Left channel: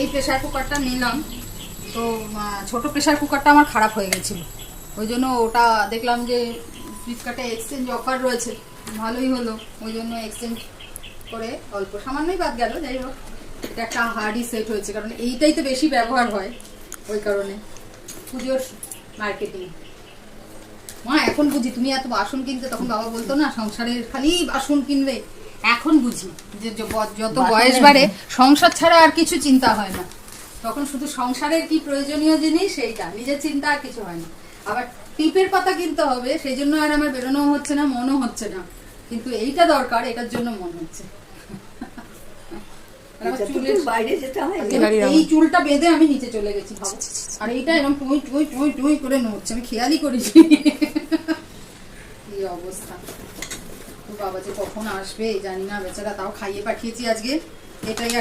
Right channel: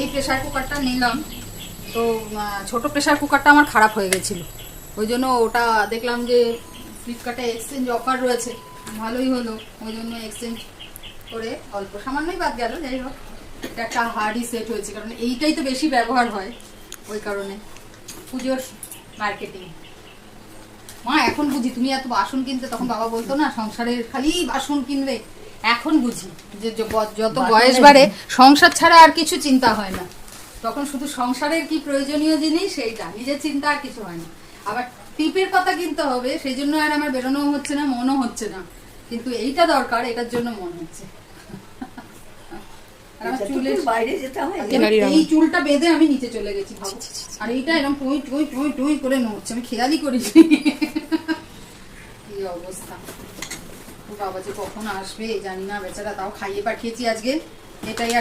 এই প্রেসার কুকারটা নিলাম, তো ছোট প্রেসার কুকারটা আমার খারাপ হয়ে গেছিল, ওই জন্য ওটা দেখলাম যে ফ্লিপকার্টে এক্সচেঞ্জ অফার রয়েছে, ভালোই হলো, ওই জন্য এক্সচেঞ্জ করে অল্প সামান্যই বাদ গেল। যাই হোক, এটা একটা হার্ডই সেট হয়েছে, কারণ এইটাই তো বেশি ব্যবহার হয়, ওই কারণে। পুজোর মার্কেটিং মা এখন বুঝি, তুমি এত বাসন কিনতে, তখন বাবা বলতো না সংসারের খালি বাসন কিনলে, এখন বুঝি যে যত বয়স বাড়ে সংসার ছাড়া আর কিছু চিন্তা হয় না, তখন শুধু সংসারের কি প্রয়োজনীয় জিনিস সেইটা, নিজের চিন্তা আর কিছু হয় না। আবার টিপের পাতা কিনতে হবে, সেই জন্য আর আমার বেরোনো হচ্ছে না, মনও হচ্ছে না, কিন্তু এইটা দরকার, এটার জন্য মন হচ্ছে। এই চুলটা বেঁধে আমি নিচে চলে গেছি, আর এইটা এরকম টুই টুই টুই টুই করে নড়ছে, আমি খেয়ালই করেছি। কি অবস্থা, বাবা যে কখন আসবে জানি না, বেচারা, তাও খাইয়ে পাঠিয়েছি আজকে, এটাই